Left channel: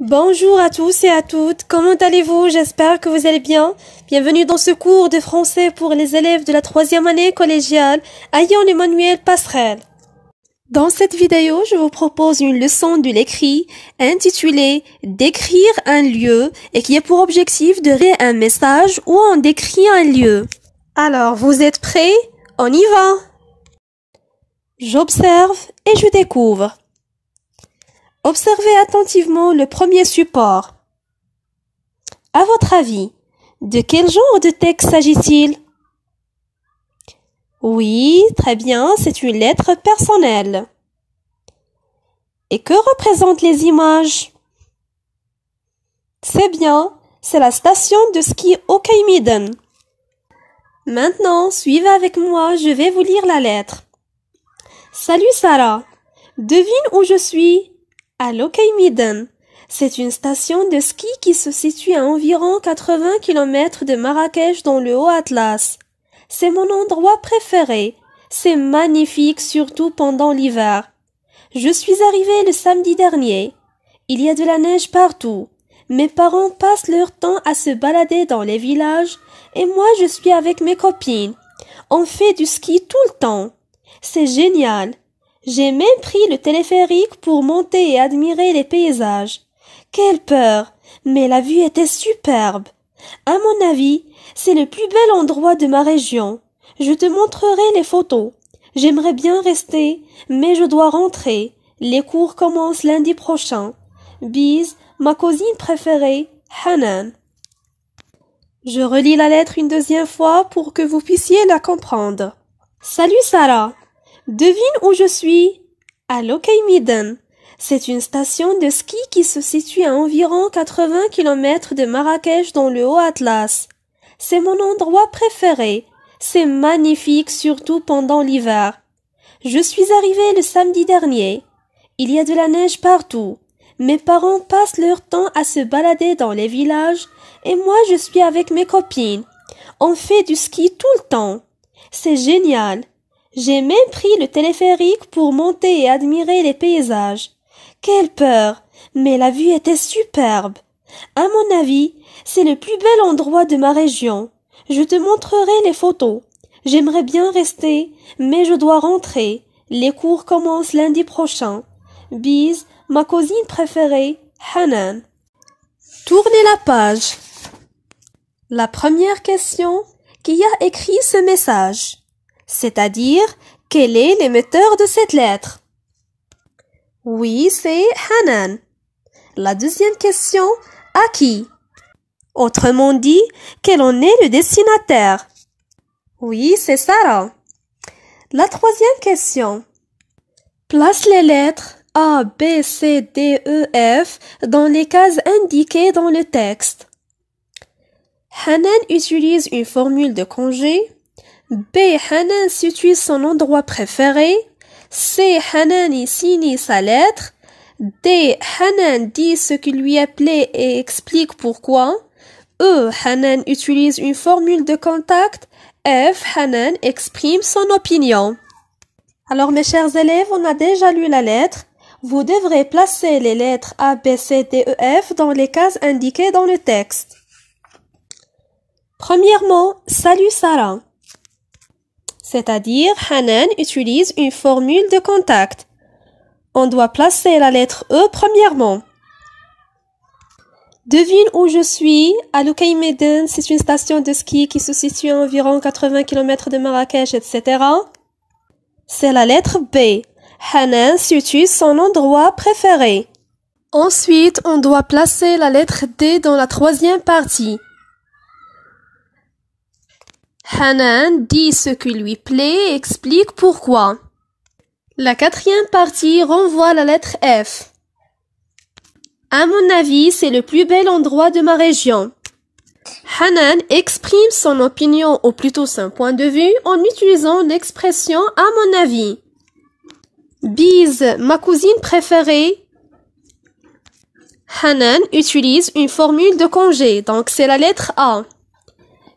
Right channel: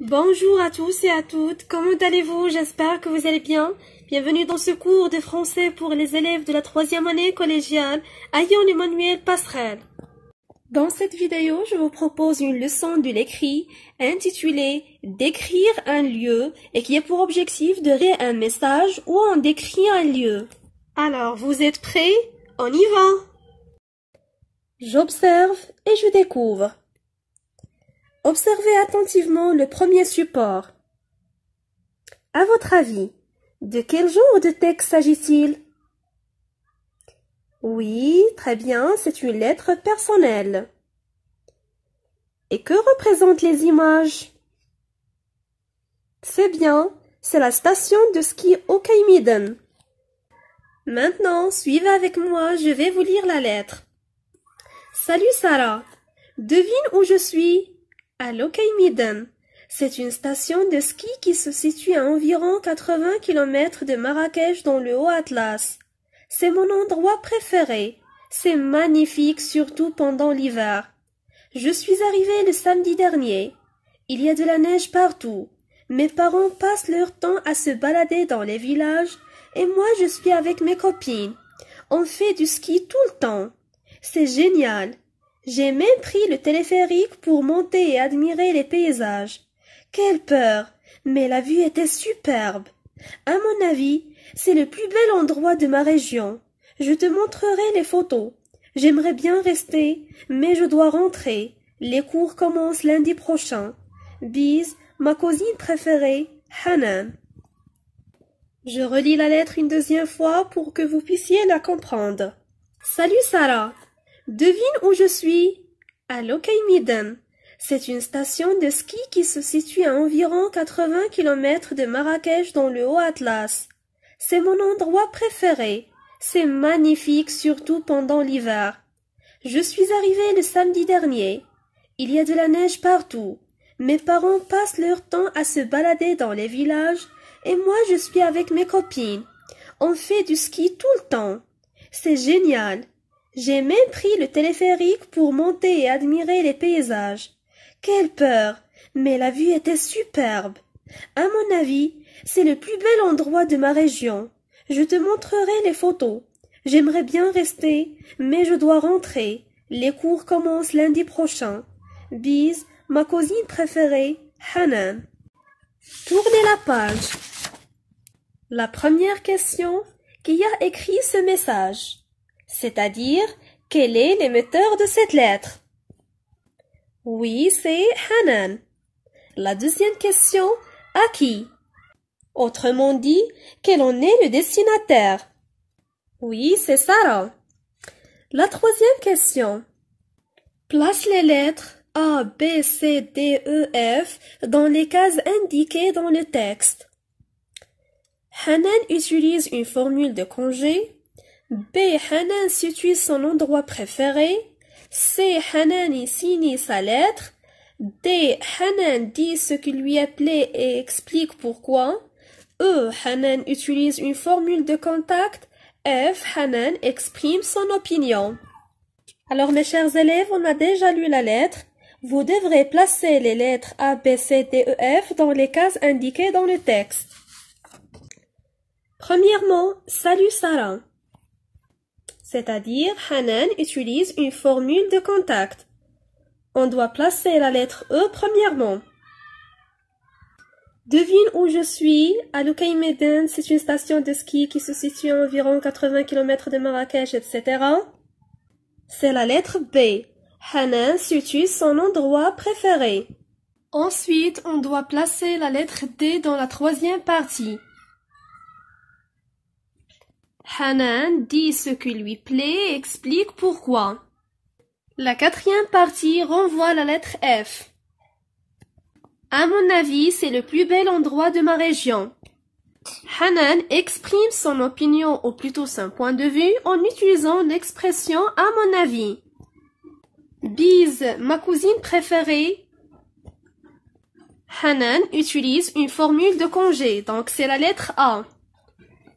Bonjour à tous et à toutes, comment allez-vous? J'espère que vous allez bien. Bienvenue dans ce cours de français pour les élèves de la 3e année collégiale à Emmanuel Passerelle. Dans cette vidéo, je vous propose une leçon de l'écrit intitulée « Décrire un lieu » et qui a pour objectif de créer un message où on décrit un lieu. Alors, vous êtes prêts? On y va! J'observe et je découvre. Observez attentivement le premier support. À votre avis, de quel genre de texte s'agit-il? Oui, très bien, c'est une lettre personnelle. Et que représentent les images? C'est bien, c'est la station de ski Okaymeeden. Maintenant, suivez avec moi, je vais vous lire la lettre. Salut Sarah, devine où je suis? À Okaymeeden. C'est une station de ski qui se situe à environ 80 km de Marrakech dans le Haut-Atlas. C'est mon endroit préféré. C'est magnifique, surtout pendant l'hiver. Je suis arrivée le samedi dernier. Il y a de la neige partout. Mes parents passent leur temps à se balader dans les villages et moi je suis avec mes copines. On fait du ski tout le temps. C'est génial. J'ai même pris le téléphérique pour monter et admirer les paysages. Quelle peur! Mais la vue était superbe. À mon avis, c'est le plus bel endroit de ma région. Je te montrerai les photos. J'aimerais bien rester, mais je dois rentrer. Les cours commencent lundi prochain. Bise, ma cousine préférée, Hanan. Je relis la lettre une deuxième fois pour que vous puissiez la comprendre. Salut Sarah! Devine où je suis? À Okaymeeden. C'est une station de ski qui se situe à environ 80 km de Marrakech dans le Haut-Atlas. C'est mon endroit préféré. C'est magnifique, surtout pendant l'hiver. Je suis arrivée le samedi dernier. Il y a de la neige partout. Mes parents passent leur temps à se balader dans les villages et moi je suis avec mes copines. On fait du ski tout le temps. C'est génial. J'ai même pris le téléphérique pour monter et admirer les paysages. Quelle peur! Mais la vue était superbe. À mon avis, c'est le plus bel endroit de ma région. Je te montrerai les photos. J'aimerais bien rester, mais je dois rentrer. Les cours commencent lundi prochain. Bise, ma cousine préférée, Hanan. Tournez la page. La première question, qui a écrit ce message? C'est-à-dire, quel est l'émetteur de cette lettre? Oui, c'est Hanan. La deuxième question, à qui? Autrement dit, quel en est le destinataire? Oui, c'est Sarah. La troisième question, place les lettres A, B, C, D, E, F dans les cases indiquées dans le texte. Hanan utilise une formule de congé. B. Hanan situe son endroit préféré. C. Hanan y signe sa lettre. D. Hanan dit ce qui lui est plaît et explique pourquoi. E. Hanan utilise une formule de contact. F. Hanan exprime son opinion. Alors mes chers élèves, on a déjà lu la lettre. Vous devrez placer les lettres A, B, C, D, E, F dans les cases indiquées dans le texte. Premièrement, salut Sarah. C'est-à-dire, Hanan utilise une formule de contact. On doit placer la lettre E premièrement. Devine où je suis. À Okaymeeden, c'est une station de ski qui se situe à environ 80 km de Marrakech, etc. C'est la lettre B. Hanan situe son endroit préféré. Ensuite, on doit placer la lettre D dans la troisième partie. Hanan dit ce qui lui plaît et explique pourquoi. La quatrième partie renvoie la lettre F. À mon avis, c'est le plus bel endroit de ma région. Hanan exprime son opinion ou plutôt son point de vue en utilisant l'expression « à mon avis ». Bise, ma cousine préférée. Hanan utilise une formule de congé, donc c'est la lettre A.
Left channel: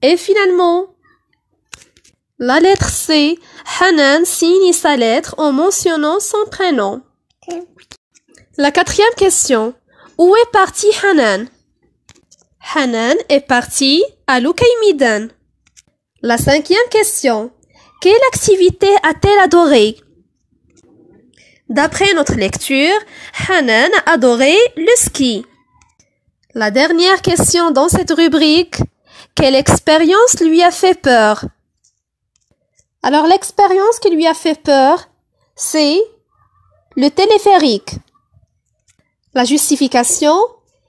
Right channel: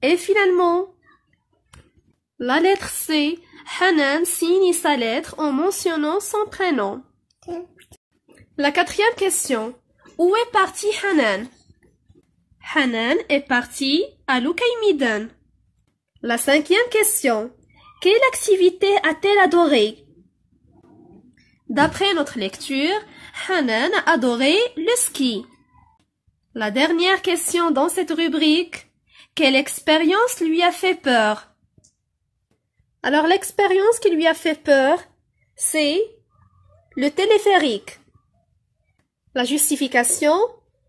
Et finalement, la lettre C, Hanan signe sa lettre en mentionnant son prénom. La quatrième question. Où est partie Hanan? Hanan est partie à l'Ukaïmidan. La 5e question. Quelle activité a-t-elle adorée? D'après notre lecture, Hanan a adoré le ski. La dernière question dans cette rubrique. Quelle expérience lui a fait peur? Alors l'expérience qui lui a fait peur, c'est le téléphérique. La justification.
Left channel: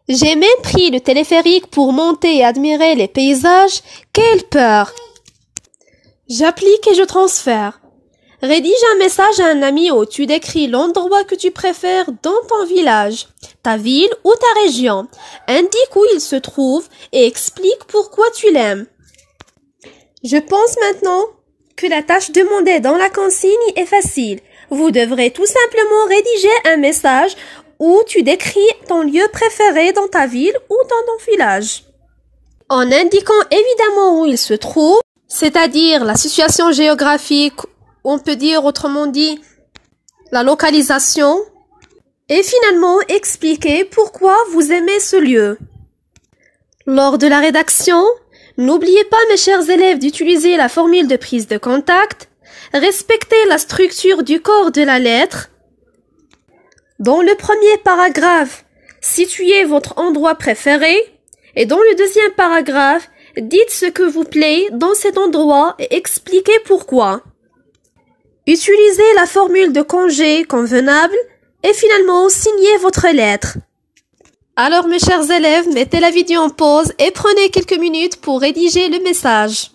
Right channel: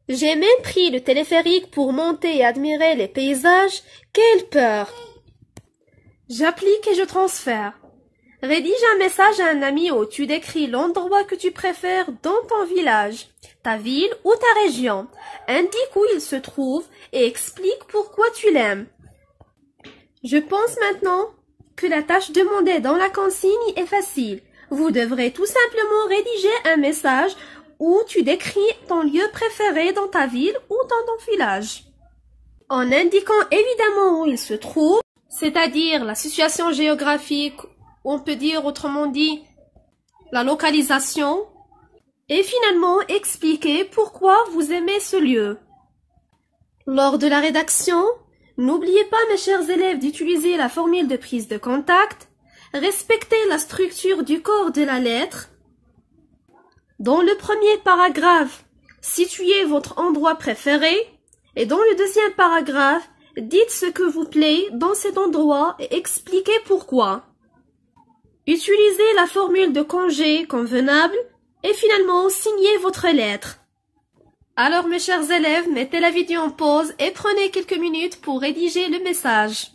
J'ai même pris le téléphérique pour monter et admirer les paysages. Quelle peur! J'applique et je transfère. Rédige un message à un ami où tu décris l'endroit que tu préfères dans ton village, ta ville ou ta région. Indique où il se trouve et explique pourquoi tu l'aimes. Je pense maintenant que la tâche demandée dans la consigne est facile. Vous devrez tout simplement rédiger un message où tu décris ton lieu préféré dans ta ville ou dans ton village. En indiquant évidemment où il se trouve, c'est-à-dire la situation géographique, on peut dire autrement dit la localisation, et finalement expliquer pourquoi vous aimez ce lieu. Lors de la rédaction, n'oubliez pas mes chers élèves d'utiliser la formule de prise de contact, respectez la structure du corps de la lettre. Dans le premier paragraphe, situez votre endroit préféré et dans le deuxième paragraphe, dites ce que vous plaît dans cet endroit et expliquez pourquoi. Utilisez la formule de congé convenable et finalement signez votre lettre. Alors mes chers élèves, mettez la vidéo en pause et prenez quelques minutes pour rédiger le message.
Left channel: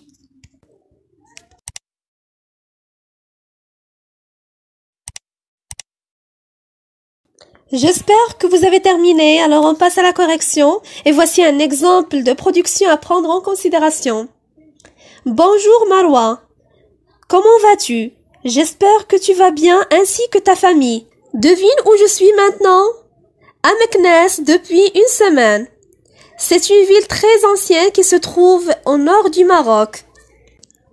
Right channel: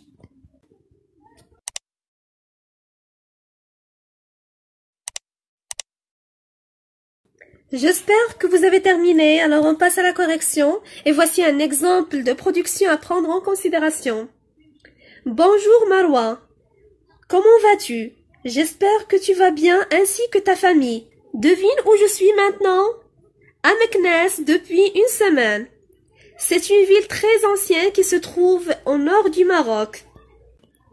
J'espère que vous avez terminé, alors on passe à la correction et voici un exemple de production à prendre en considération. Bonjour Marwa, comment vas-tu? J'espère que tu vas bien ainsi que ta famille. Devine où je suis maintenant? À Meknès depuis une semaine. C'est une ville très ancienne qui se trouve au nord du Maroc.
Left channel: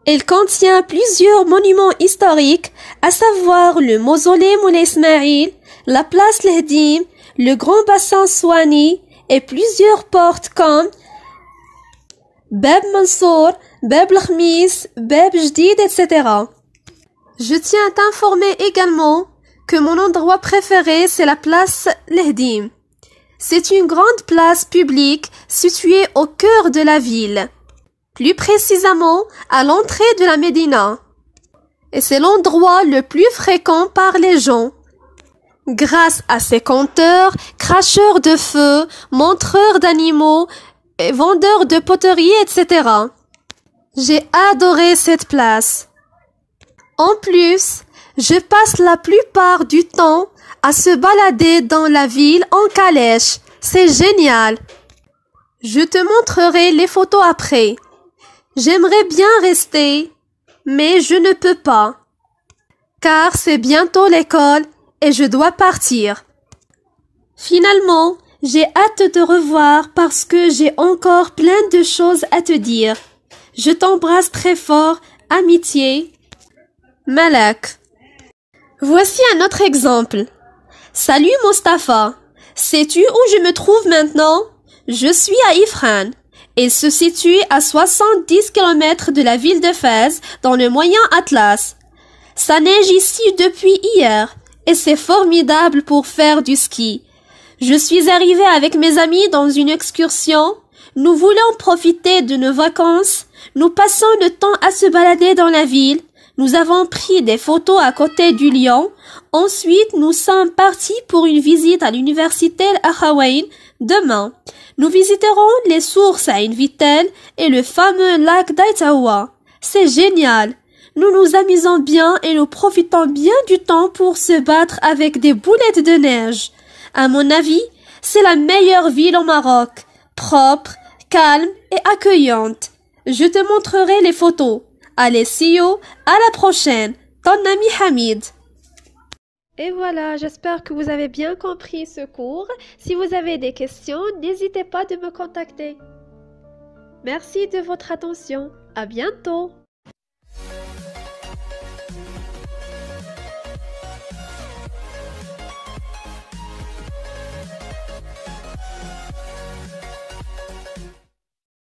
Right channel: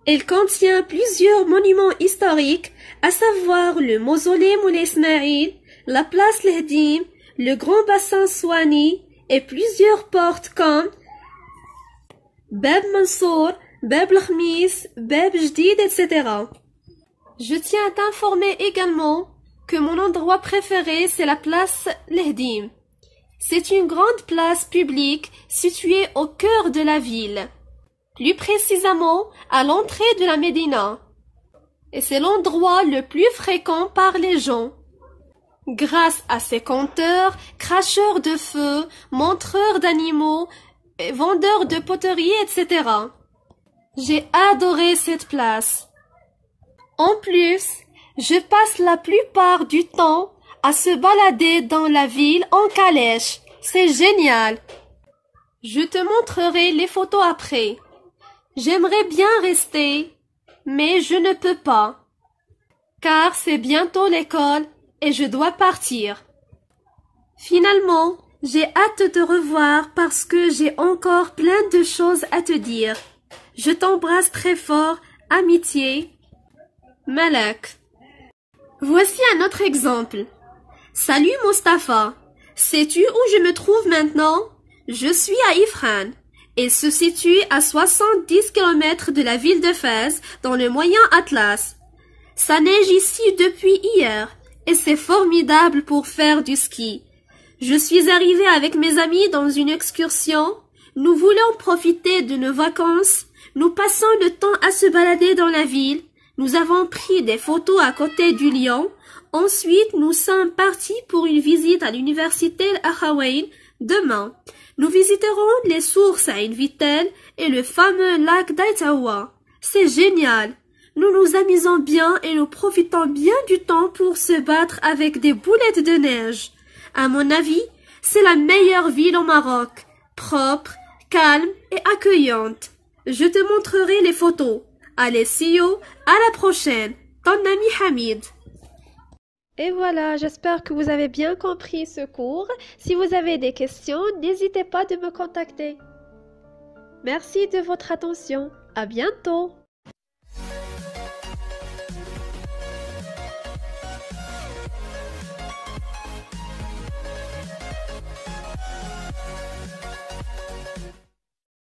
Elle contient plusieurs monuments historiques, à savoir le mausolée Moulay Ismaïl, la place Lehdim, le grand bassin Souani et plusieurs portes comme Bab Mansour, Bab Lkhmis, Bab Jdid, etc. Je tiens à t'informer également que mon endroit préféré c'est la place Lehdim. C'est une grande place publique située au cœur de la ville, plus précisément à l'entrée de la Médina. Et c'est l'endroit le plus fréquent par les gens. Grâce à ses compteurs, cracheurs de feu, montreurs d'animaux, et vendeurs de poterie, etc. J'ai adoré cette place. En plus, je passe la plupart du temps à se balader dans la ville en calèche. C'est génial. Je te montrerai les photos après. J'aimerais bien rester, mais je ne peux pas, car c'est bientôt l'école et je dois partir. Finalement, j'ai hâte de te revoir parce que j'ai encore plein de choses à te dire. Je t'embrasse très fort, amitié. Malak. Voici un autre exemple. Salut Mustapha. Sais-tu où je me trouve maintenant? Je suis à Ifrane. Il se situe à 70 km de la ville de Fès, dans le Moyen Atlas. Ça neige ici depuis hier, et c'est formidable pour faire du ski. Je suis arrivée avec mes amis dans une excursion. Nous voulons profiter de nos vacances. Nous passons le temps à se balader dans la ville. Nous avons pris des photos à côté du lion. Ensuite, nous sommes partis pour une visite à l'université Al-Akhawayn demain. Nous visiterons les sources à Invitel et le fameux lac d'Aïtawa. C'est génial. Nous nous amusons bien et nous profitons bien du temps pour se battre avec des boulettes de neige. À mon avis, c'est la meilleure ville au Maroc. Propre, calme et accueillante. Je te montrerai les photos. Allez, see you, à la prochaine. Ton ami Hamid. Et voilà, j'espère que vous avez bien compris ce cours. Si vous avez des questions, n'hésitez pas de me contacter. Merci de votre attention. À bientôt.